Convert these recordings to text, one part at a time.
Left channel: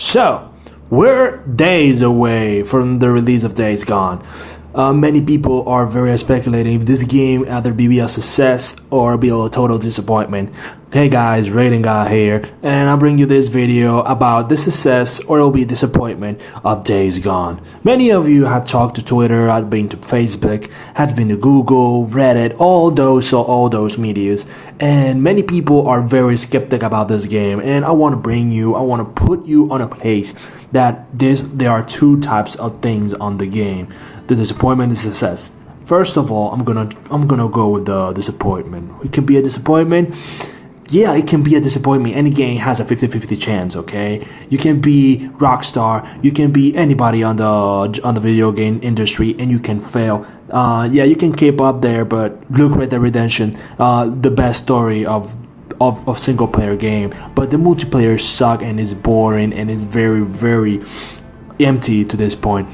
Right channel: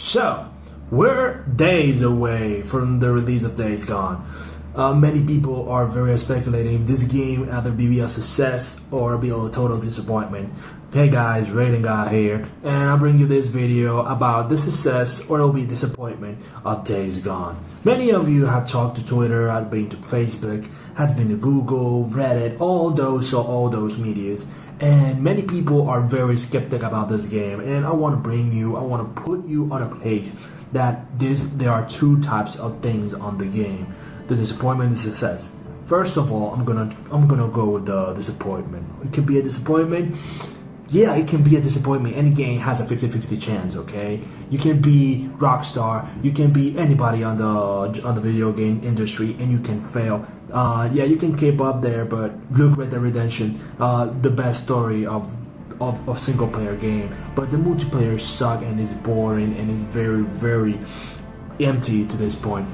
So, we're days away from the release of Days Gone. Many people are very speculating if this game either be a success or be a total disappointment. Hey guys, Rating Guy here, and I'll bring you this video about the success or it'll be disappointment of Days Gone. Many of you have talked to Twitter, have been to Facebook, have been to Google, Reddit, all those medias, and many people are very skeptic about this game. And I want to put you on a place that there are two types of things on the game: the disappointment and success. First of all, I'm gonna go with the disappointment. It can be a disappointment. Yeah, it can be a disappointment. Any game has a 50-50 chance, okay? You can be Rockstar, you can be anybody on the video game industry, and you can fail. Yeah, you can keep up there, but look, Red Dead Redemption, the best story of single player game, but the multiplayer suck and is boring and is very empty to this point.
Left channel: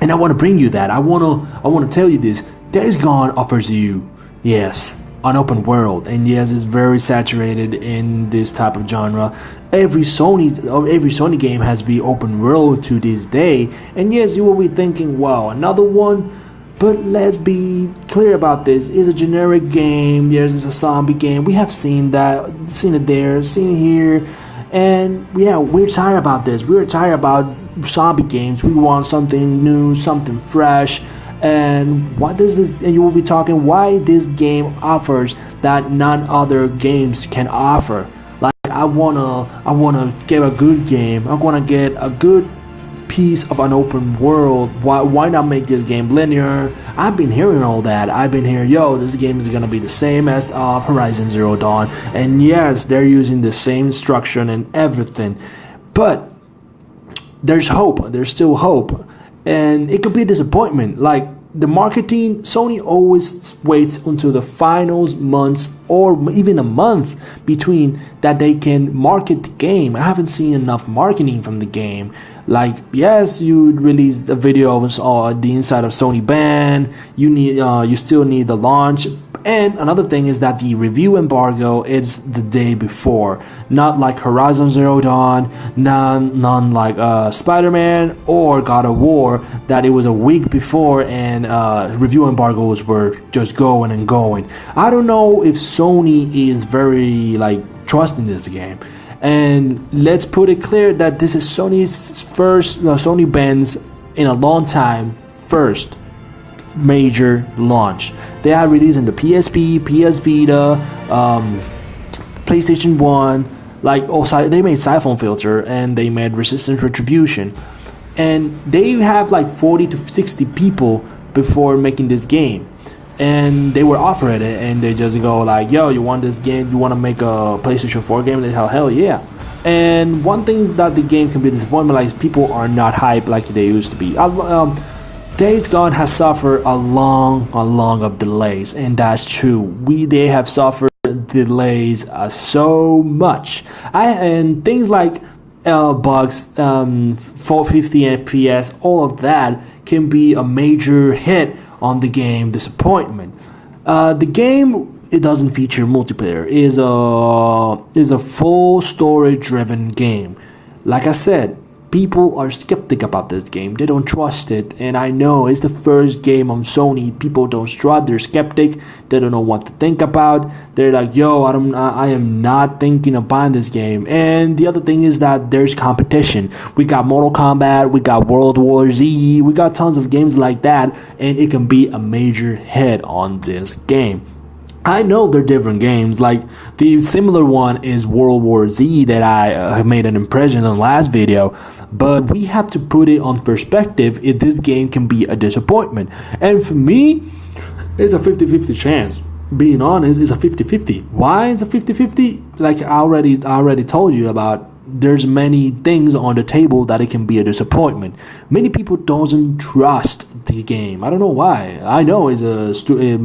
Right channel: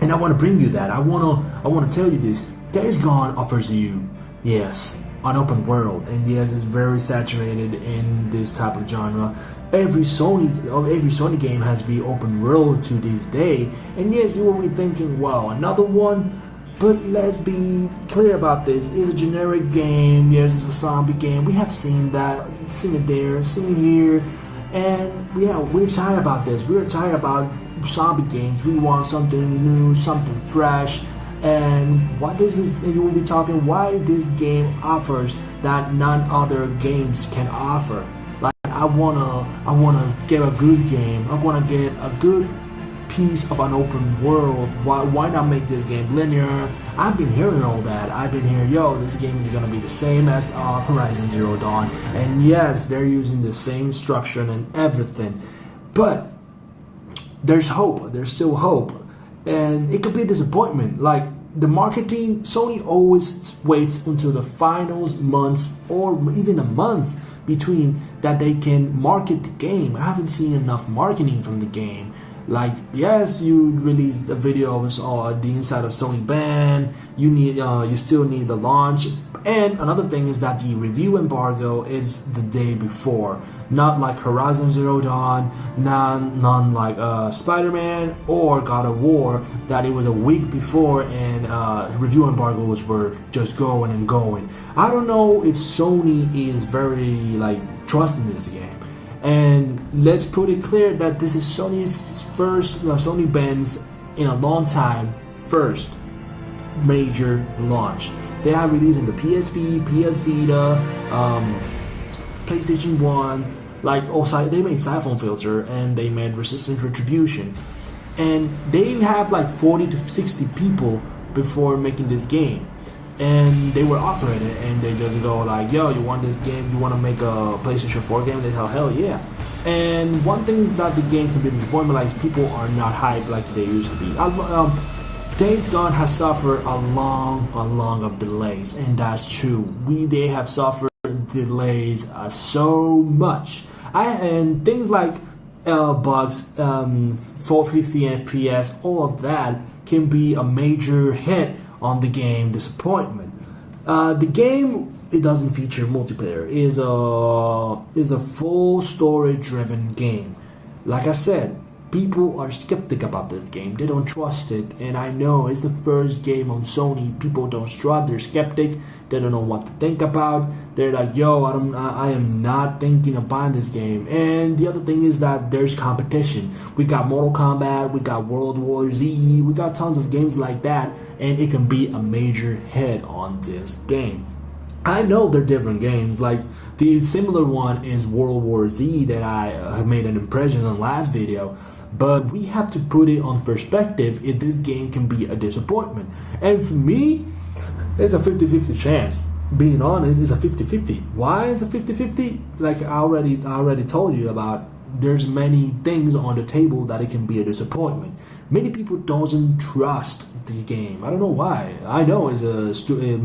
And I want to bring you that. I want to tell you this. Days Gone offers you, yes, an open world, and yes, it's very saturated in this type of genre. Every Sony game has been open world to this day, and yes, you will be thinking, wow, another one. But let's be clear about this. It's a generic game. Yes, it's a zombie game. We have seen that, seen it there, seen it here, and yeah, we're tired about this. We're tired about zombie games. We want something new, something fresh. And what does this? And you will be talking why this game offers that none other games can offer. Like I wanna get a good game. I wanna get a good piece of an open world. Why not make this game linear? I've been hearing all that. I've been hearing, yo, this game is gonna be the same as Horizon Zero Dawn. And yes, they're using the same structure and everything, but there's hope. There's still hope. And it could be a disappointment. Like the marketing, Sony always waits until the finals months or even a month between that they can market the game. I haven't seen enough marketing from the game. Like, yes, you released a video of the inside of Sony band. You still need the launch. And another thing is that the review embargo is the day before, not like Horizon Zero Dawn, none like Spider-Man or God of War, that it was a week before and review embargoes were just going and going. I don't know if Sony is very trusting this game. And let's put it clear that this is Sony's first, Sony band's in a long time, first major launch. They are releasing the PSP, PS Vita, PlayStation 1, they made Siphon Filter and they made Resistance Retribution. And they have 40 to 60 people before making this game. And they were offered it and they just go yo, you want this game? You want to make a PlayStation 4 game? They tell hell yeah. And one thing is that the game can be disappointment, people are not hyped like they used to be. Days Gone has suffered a long of delays, and that's true. They have suffered delays so much. And things like bugs, 450 FPS, all of that can be a major hit on the game disappointment. The game, it doesn't feature multiplayer. It is a full story driven game. Like I said, people are skeptic about this game. They don't trust it, and I know it's the first game on Sony. People don't trust. They're skeptic. They don't know what to think about. They're like, yo, I am not thinking of buying this game. And the other thing is that there's competition. We got Mortal Kombat, we got World War Z, we got tons of games like that, and it can be a major hit on this game. I know they're different games. Like the similar one is World War Z that I made an impression on last video. But we have to put it on perspective if this game can be a disappointment. And for me, it's a 50-50 chance. Being honest, it's a 50-50. Why is it 50-50? Like I already told you about, there's many things on the table that it can be a disappointment. Many people doesn't trust the game. I don't know why. I know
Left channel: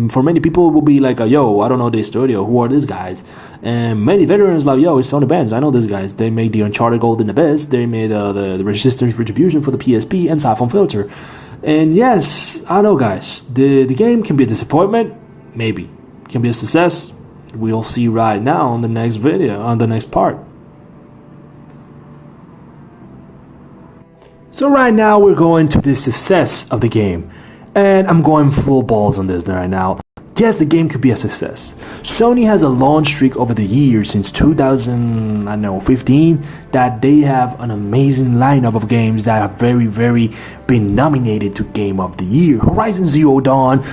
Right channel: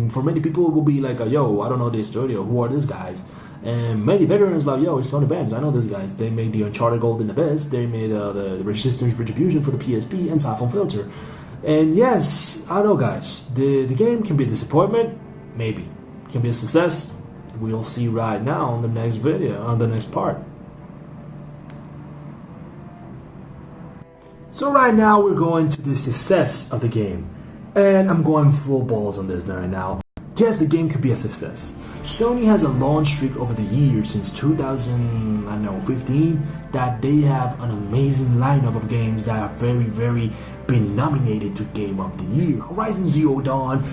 for many people it will be like, yo, I don't know this studio. Who are these guys? And many veterans yo, it's Sony bands. I know these guys. They made the Uncharted Golden Abyss. They made the Resistance Retribution for the PSP and Siphon Filter. And yes, I know, guys. The game can be a disappointment. Maybe. It can be a success. We'll see right now on the next video, on the next part. So right now we're going to the success of the game, and I'm going full balls on this right now. Yes, the game could be a success. Sony has a long streak over the years since 2015 that they have an amazing lineup of games that have very been nominated to Game of the Year. Horizon Zero Dawn,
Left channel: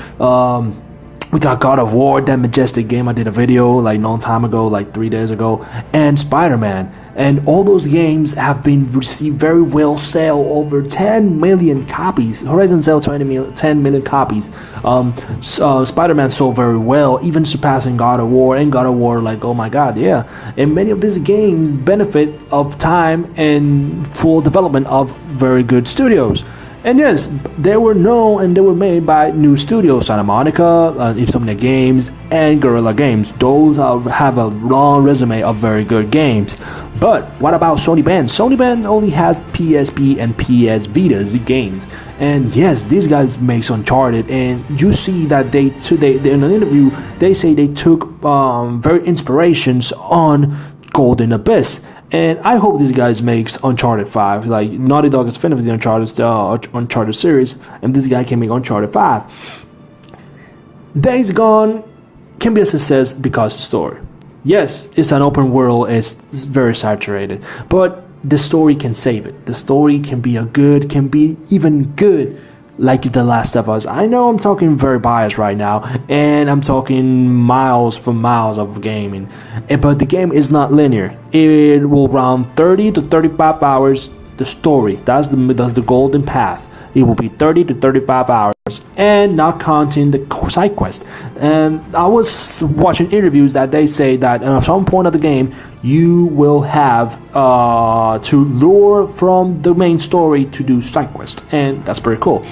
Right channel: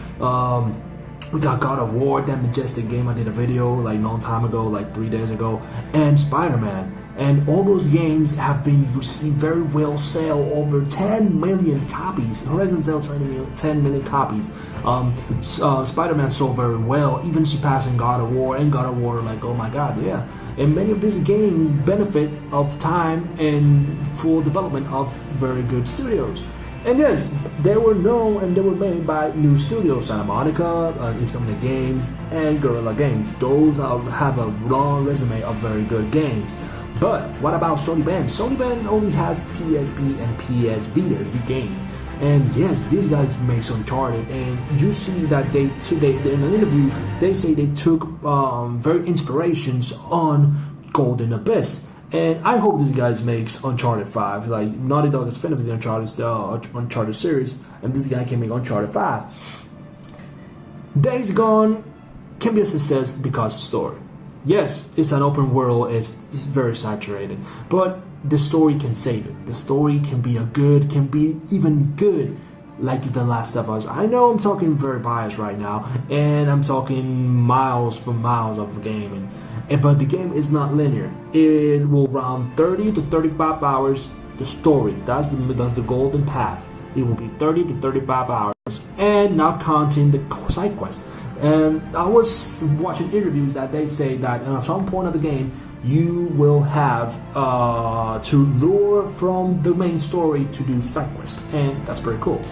we got God of War, that majestic game I did a video like long time ago, like 3 days ago, and Spider-Man. And all those games have been received very well, sell over 10 million copies. Horizon sell 10 million copies. Spider-Man sold very well, even surpassing God of War, and God of War, like, oh my god, yeah. And many of these games benefit of time and full development of very good studios. And yes, they were known and they were made by new studios, Santa Monica, Insomniac Games, and Guerrilla Games. Those have a long resume of very good games. But what about Sony Band? Sony Band only has PSP and PS Vita's games. And yes, these guys make Uncharted, and you see that they in an interview they say they took very inspirations on Golden Abyss. And I hope these guys makes Uncharted 5. Like, Naughty Dog is finished with the Uncharted series, and this guy can make Uncharted 5. Days Gone can be a success because of the story. Yes, it's an open world, it's very saturated, but the story can save it. The story can be can be even good, like The Last of Us. I know I'm talking very biased right now, and I'm talking miles of gaming, but the game is not linear. It will run 30 to 35 hours. The story, that's the golden path. It will be 30 to 35 hours, and not counting the side quest. And I was watching interviews that they say that at some point of the game you will have to lure from the main story to do side quest, and that's pretty cool.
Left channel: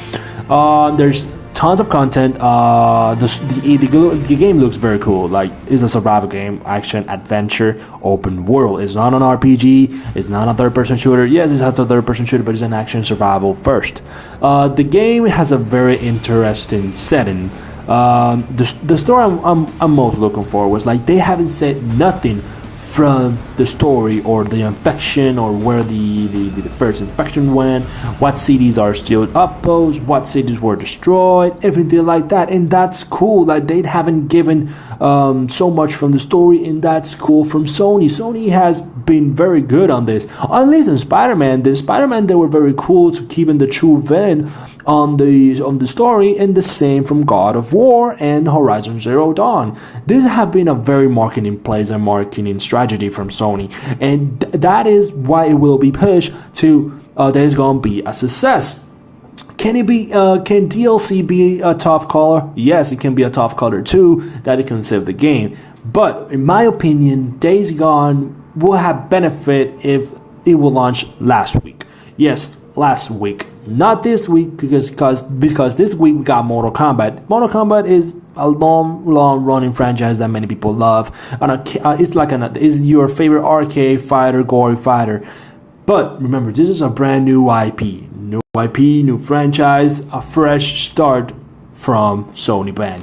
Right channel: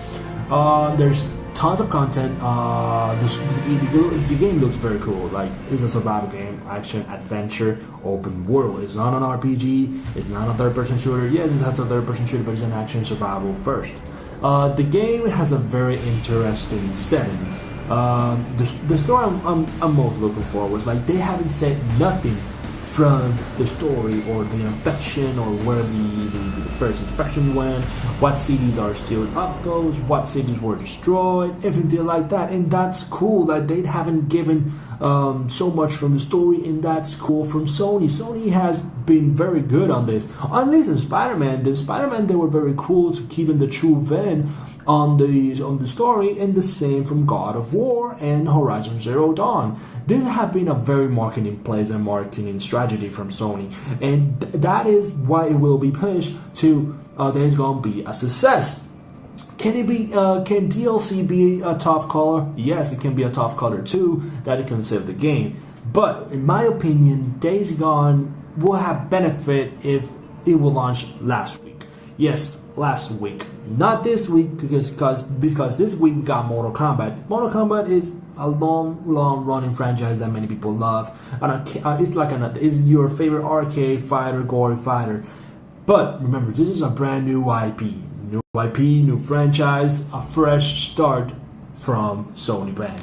There's tons of content. The game looks very cool. Like, it's a survival game, action adventure, open world. It's not an RPG. It's not a third-person shooter. Yes, it's a third-person shooter, but it's an action survival first. The game has a very interesting setting. The story I'm most looking for was, like, they haven't said nothing from the story or the infection or where the first infection went, what cities are still upposed, what cities were destroyed, everything like that. And that's cool that they haven't given so much from the story, and that's cool from Sony. Sony has been very good on this. At least in Spider-Man, they were very cool to keeping the true villain on the story, and the same from God of War and Horizon Zero Dawn. This have been a very marketing plays and marketing strategy from Sony, and that is why it will be pushed to Days Gone be a success. Can it be? Can DLC be a tough color? Yes, it can be a tough color too. That it can save the game. But in my opinion, Days Gone will have benefit if it will launch last week. Yes, last week, not this week, because this week we got Mortal Kombat. Mortal Kombat is a long running franchise that many people love, and it's your favorite arcade fighter, gory fighter. But remember, this is a brand new IP, new franchise, a fresh start from Sony Band.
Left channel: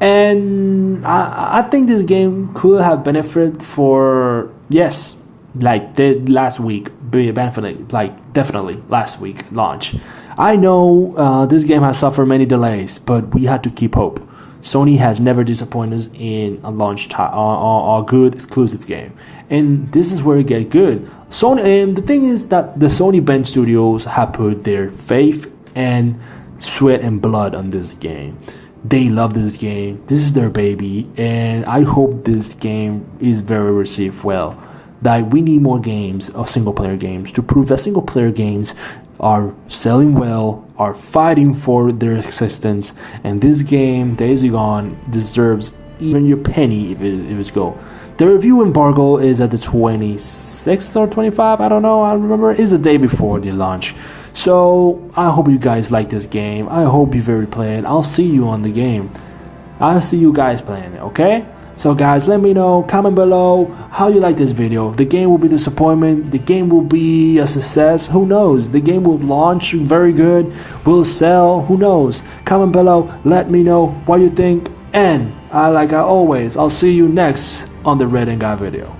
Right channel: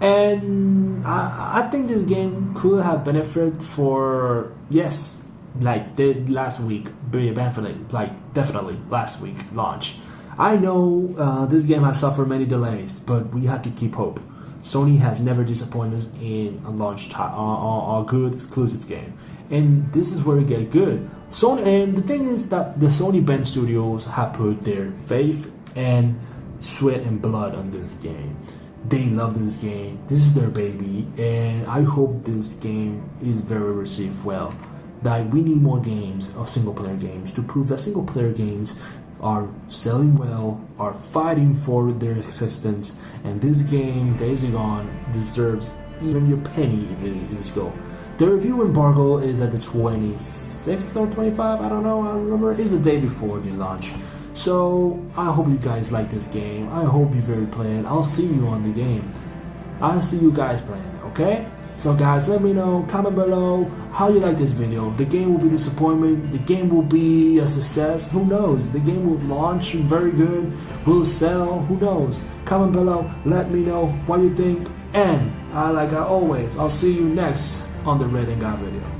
And I think this game could have benefit for, yes, like the last week, definitely last week launch. I know this game has suffered many delays, but we had to keep hope. Sony has never disappointed us in a launch time, a good exclusive game, and this is where it get good. Sony, and the thing is that the Sony Band Studios have put their faith and sweat and blood on this game. They love this game. This is their baby, and I hope this game is very received well. That we need more games of single-player games to prove that single-player games are selling well, are fighting for their existence, and this game, Days Gone, deserves even your penny if it's go. The review embargo is at the 26th or 25th, I don't know, I remember. It's the day before the launch. So I hope you guys like this game. I hope you very play it. I'll see you on the game. I'll see you guys playing it, okay? So guys, let me know, comment below how you like this video. If the game will be disappointment, the game will be a success, who knows? The game will launch very good, will sell, who knows? Comment below, let me know what you think, and like I always, I'll see you next on the Red and Guy video.